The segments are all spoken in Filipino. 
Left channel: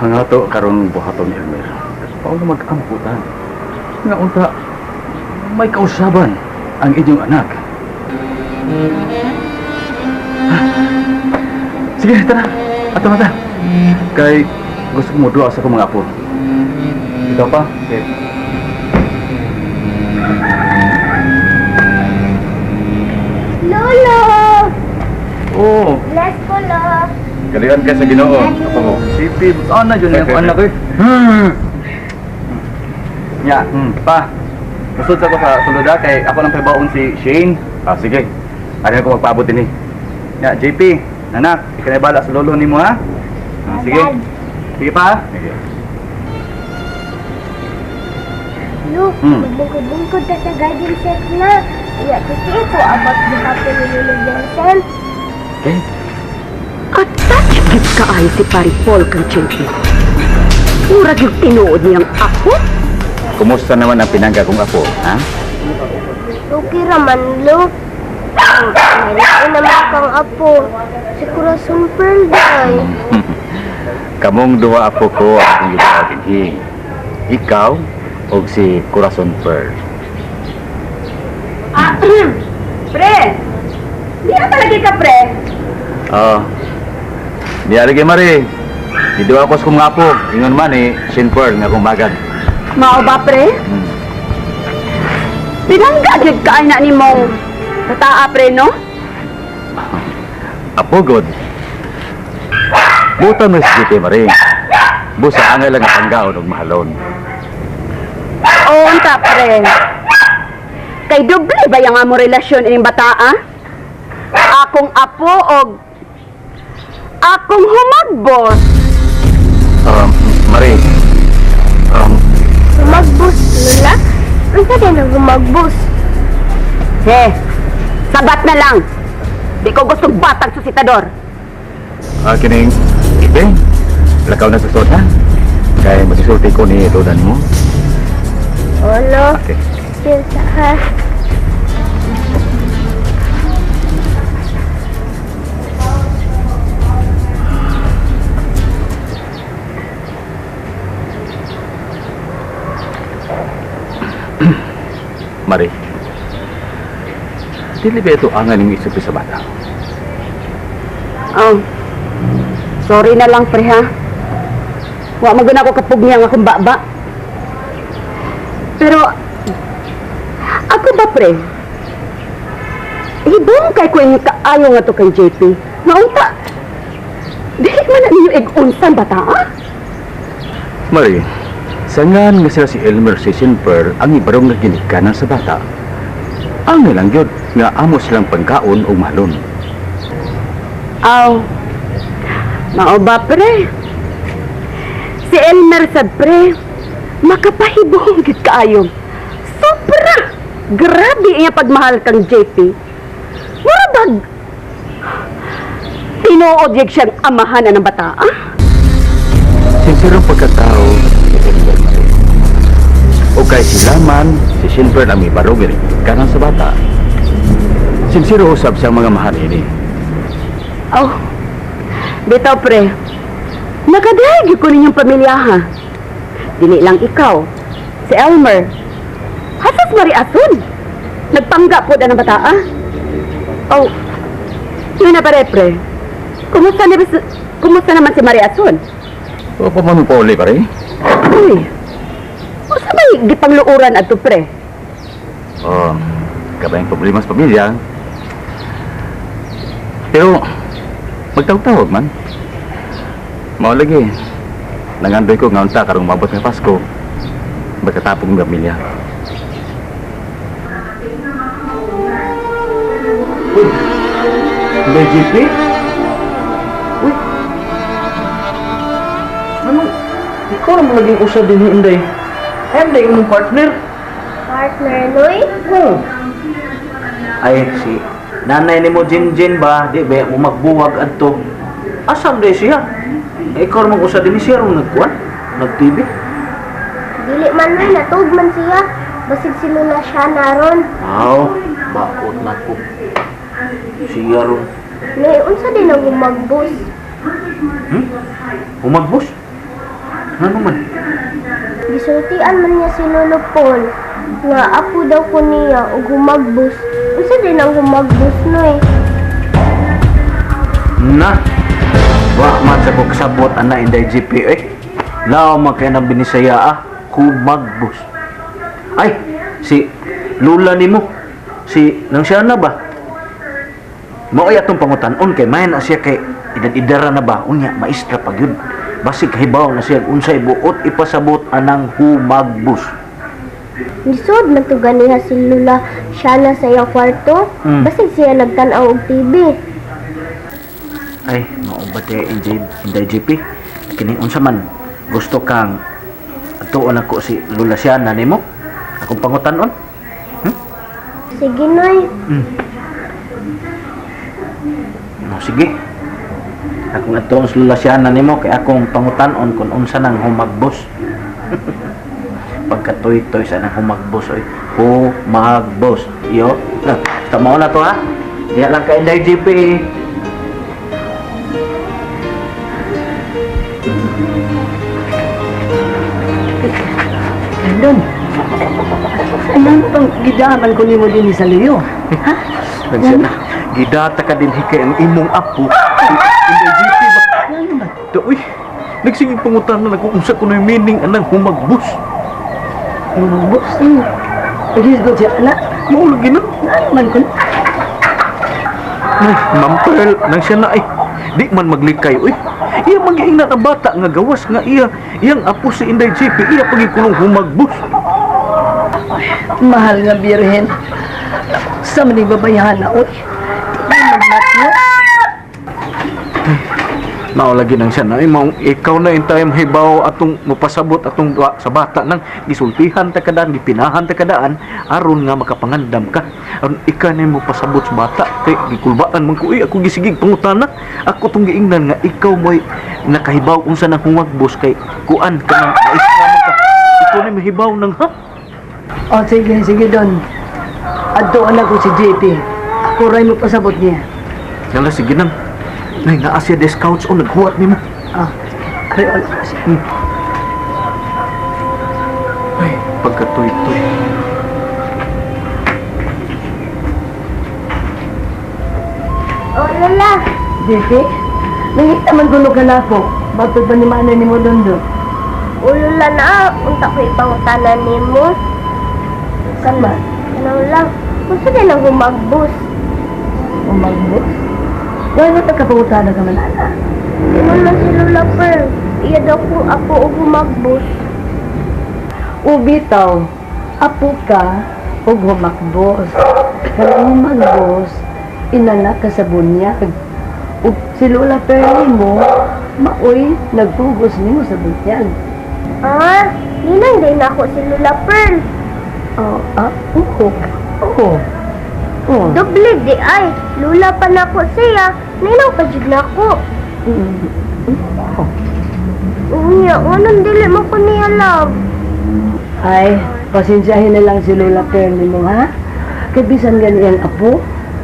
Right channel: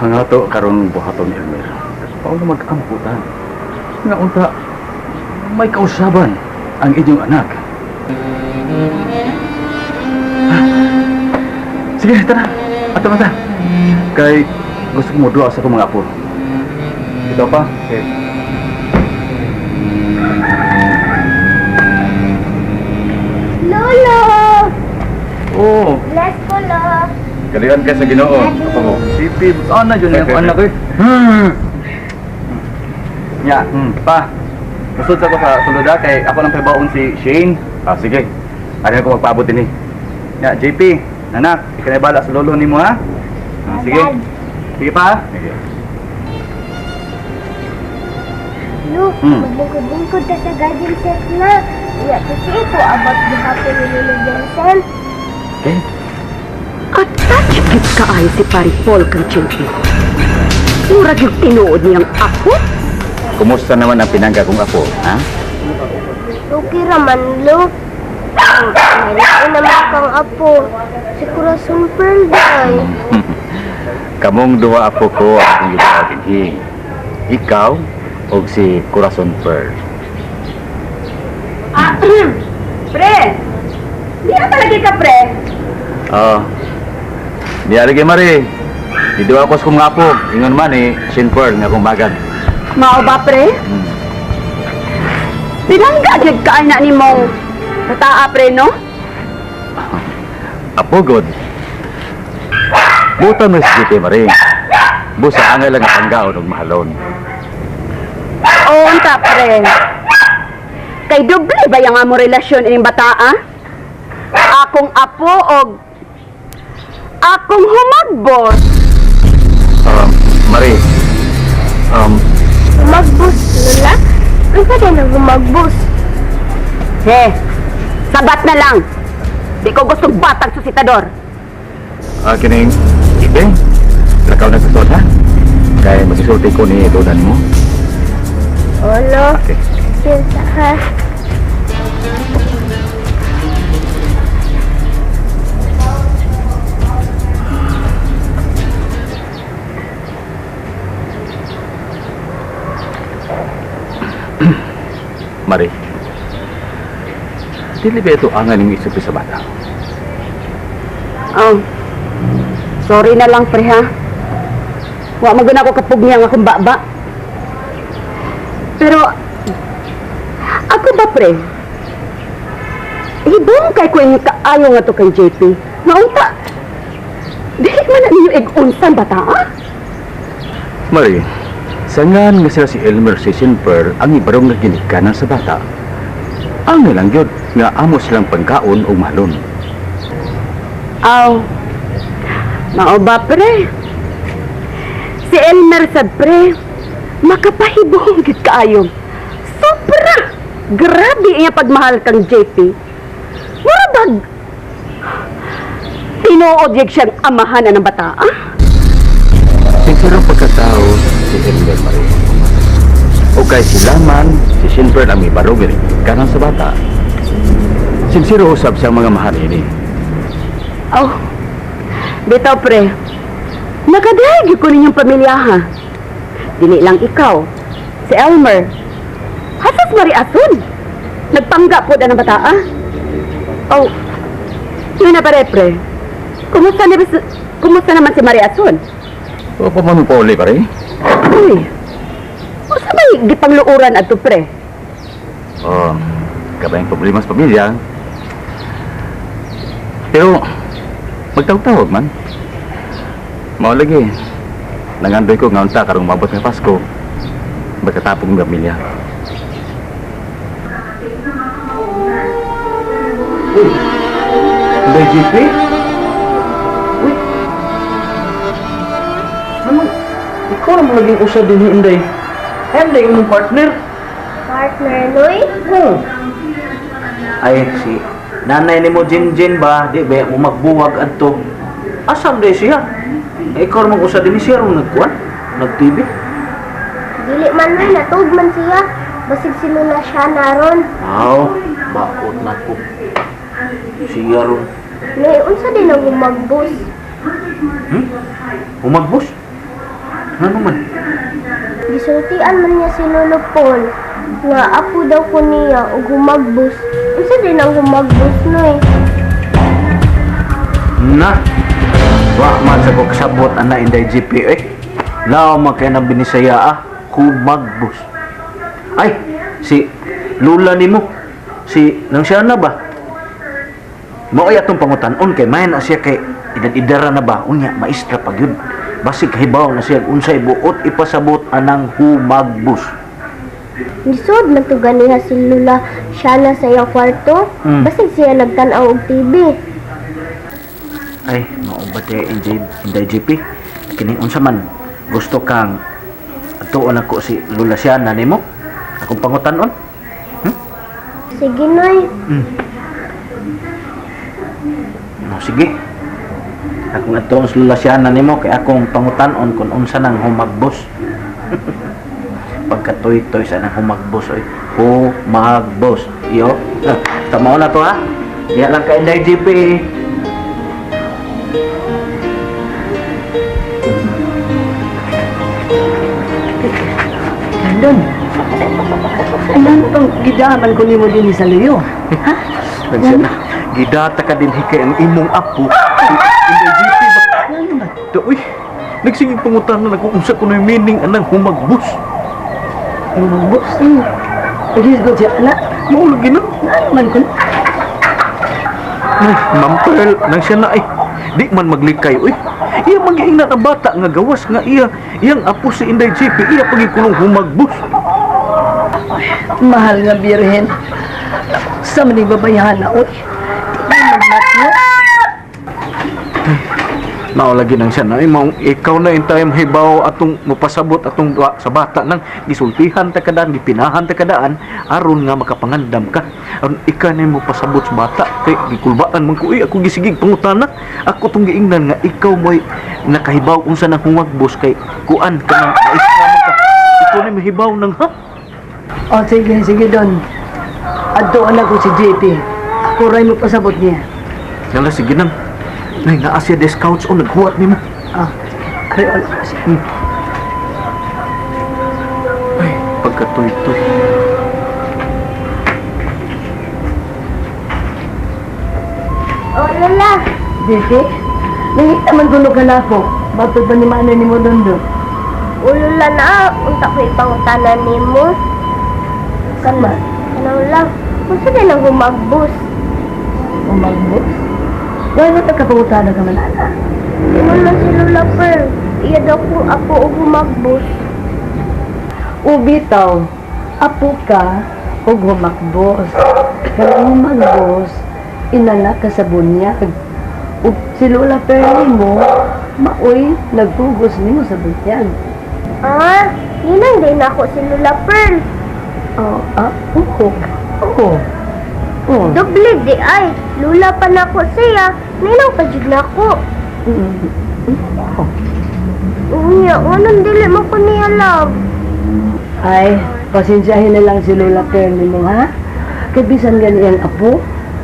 Hangato karon buhaton ni Elmer. Paano mag-amputan? Nga unta, may kausaban ang inyong anak. Sige, tara. Ato mata. Kay gusto ko mo doa sa akong mga apo. Ikaw pa? Okay. Lolo! Oh, Bless ko, Lo. kalihan ka sa Ginoo. Apo mo. Sipid. Ano yun yung anak ko? Ya, pa. Musod sa ko sa suluda kay ako lang pabaon si Shane. Ah, sige. Ano ko magpaabot din Ya, JP, anak, ikanibala sa lolo nimo ha. Ah, sige. Dad. Sige pa. Sige. Lo, magbungkod-bungkod ka sa garden set na. Iya, kasi ko abot di hapon ni Lolo Johnson. Okay. At touch ka ay si Pari Paul kang champion. Murag yung tinuod niyang ako. Kumusta naman ang pinangga kong apo, ha? Okay raman, Lo. Mayroon naman kang apo. Si Corazon Pearl, day. Kamong duha apo ko ang gitawagin hi. Ikaw o si Corazon Pearl. Pre! Di ka lagi ka, pre? Oh. Di lagi mari. Di duha ko sa kong apo. Ingon man Shane Pearl nga kong magad. Mao ba, pre? Pinangga jud ka ay na ni mong tataa, pre, no? Apo god. Buta mo si JP mari. Busa angay lang ang panggaon og mahalon. Oo, unta, pre. Kay doble ba yung amo relasyon ining bataa? Akong apo og akong humagbos. Mari. Humagbus, Lola. Ang ka din ang humagbus. He, sabat na lang. Di ko gustong batang susitador. Kining ibe. Lakaw na sa soda. Kaya masisulti ko ni Lola nimo. Olo, Okay. silsa ha. Mari. Dili ba ito angan yung isip sa bata? Oh, sorry na lang, pre, ha? Wa mo ako kapugniang akong baba. Pero, ako ba, pre? Ibong kay ko yung kaayo nga to kay JP. Naunta, dili man na ninyo ig-unsan bata, ha? Mari, sangan nga sila si Elmer si Shane Pearl ang ibarong nga ginikanan sa bata. Ang nilang yun nga amo silang pangkaon o mahalon. Aw, mao ba, pre? Si Elmer sad, pre, makapahibong gid kaayo. Sobra! Grabe iya pagmahal kang JP. Murabag! Tinuod yag siyang amahan ng bata, ah? Sinsirong pagkatao ni Elmer Mari. O kay sila man, si Shane Pearl ang ibarong ginikanan sa bata. Sinsiro usab siyang mga mahal ini. Oh, bitaw, pre. Nakadahig ko ninyong pamilya, ha? Dili lang ikaw, si Elmer. Hasas Mari Asun. Nagpangga po na ng bata, ah? Oh, yun na pare, pre. Kumusta naman si Mari Asun? O pa man po ulit, pare? Uy, o sabay gipangluuran ato, pre? Oh, kabayang problema sa pamilya. Pero, magtawag-tawag man. Mao lagi. Nangandoy ko nga unta karong mabot nga Pasko. Magkatapong ng pamilya. Uy, may JP? Uy, ano? Ikaw naman naging usad din ni Inday. Inday, yung partner. Partner, Loy? Ay, si nanay ni mo Jinjin ba, di ba, mo magbuwag adto. Asam day siya? Ikaw naman usa din siya ron nagkuhan, nag-TV. Dili man rin, natug man siya. Basig si Lola siya naron. Aw, bakot na ko. Siya ron. Loy, unsa din ang humagbus? Humagbos? Ano man? Gisultian man niya si Lolo Paul nga apo daw ko niya ug humagbus. Unsa din ang humagbus no eh? Na, wa man sa ko kasabot ana inday GP eh. Lao man kay nang binisaya humagbus. Ay, si lula nimo, si nang siya na ba? Mao atong pangutan-on kay may na siya kay idara na ba unya maestra pag yun. Basig hibaw na siya unsay buot ipasabot anang humagbus. Lisod man to ganiha si Lula siya na sa iyang kwarto. Basig siya nagtan-aw og TV. Ay, mao ba te inday GP? Kini unsa man gusto kang atuon ako si Lula siya na nimo? Akong pangutan-on? Sige noy. No, sige. Akong atuon si Lula siya na nimo kay akong pangutan-on kung unsa nang humagbos. Pagkatoy-toy sa nang humagbos oy. Humagbos. Yo. Tama na to ha. Diya lang ka inday GP. Andon. Anong pang gidaman ko nimo din sa Leo? Ha? Nagsya na. Gidata ka din hikay ang imong apo. Inday GP ba? Ano ba? Uy, nagsinging pangutan na kung unsa kuno yung meaning anang humagbos. Humagbos? Pagis ko siya, anak. Maulog na. Ano man ko? Ay, Ma'am Pearl, nang siya na ay. Di man maglikay, uy. Iya magiing na bata nga gawas nga iyang apo si Inday GP, iya pagikulong humagbos. Mahal nga birhen. Sa maning babayahan na, oy. Nao lagi nang siya na, ay maong ikaw na yung time hibaw atong mapasabot atong duwa sa bata nang gisultihan ta kadaan, gipinahan ta kadaan, aron nga makapangandam ka. Aron ika na yung mapasabot sa bata, kay gikulbaan man ko, ako gisigig pangutana, ako tong giingnan nga ikaw mo'y nakahibaw kung saan ang humagbos kay kuan ka nang maistra man ka. Ikaw na mahibaw nang ha? O, sige doon. Adoon ako si JP. Ako rin mo pasabot niya. Yala, sige nang. Nay, naasya de scouts o naghuwat ni mo. Ah, kaya ala kasi. Ay, pagkatoy-toy. O Lula, JP, nangita man gulo ka na ako. Batod ba ni manay ni mo doon? o Lula na unta ko ipangutanan nimo. Saan ba? Ano lang, unsa din ang humagbus? Umagbos? Wala mo tagkapangutana ka man, ana. Ingon man si Lula Pearl, iya daw ko apo og humagbus. Ubitaw, apo ka o humakbos. Kaya humagbos, inanak ka sa bunyag. Ug si Lola Perli mo, maoy nagtugos nimo sa bunyag. Ah, ninang din ako si Lula Pearl. Oo. Doble di ay, Lula pa na ko siya, ninang pa jud na ko. Unya, anong dili mo ko niya love? Ay, pasensyahin na lang si Lola Perli mo, ha? Kaya bisan ganyan apo,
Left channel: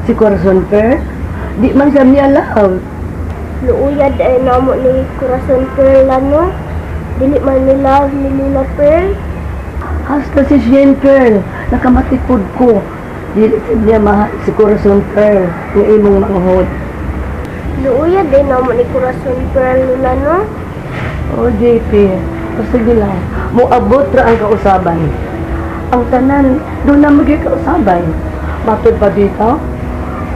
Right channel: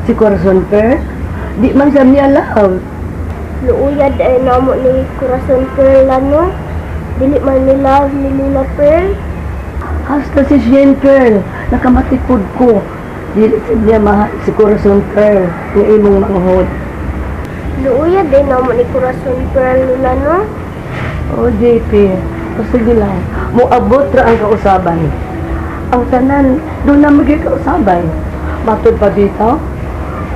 si Corazon Per, di man sa niya love. Luuyad ay namo ni Corazon Pearl ano? Dili man ni love ni Lula Pearl. Hasta si Shane Pearl, nakamatikod ko. Dili niya mahal si Corazon Pearl, yung imong manghod. Luuyad ay namo ni Corazon Pearl Lula no? O JP, sige lang, muabot ra ang kausaban. Ang tanan, doon na magkikausaban. Matod pa dito,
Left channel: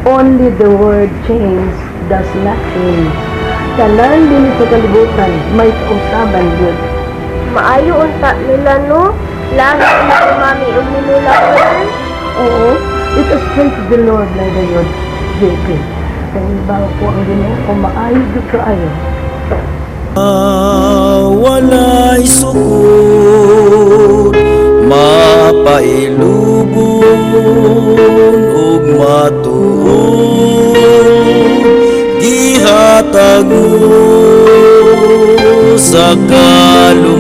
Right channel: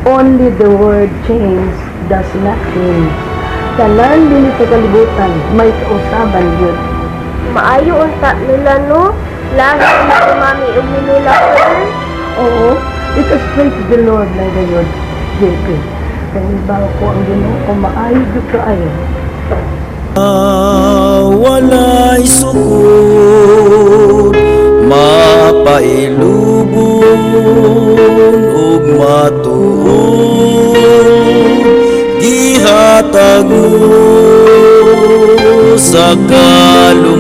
only the word change does not change. Tanan din sa kalibutan, may kausaban yun. Maayo unta nila no? Lahat na ni Mami ug ni Lula Pearl. Oo, it is straight to the Lord na yun, JP. Kaya bago ko ang ginoo ko maayos doon kaayo. Walay sukod, mapailubon ug matuod, gihatag mo sa kalumang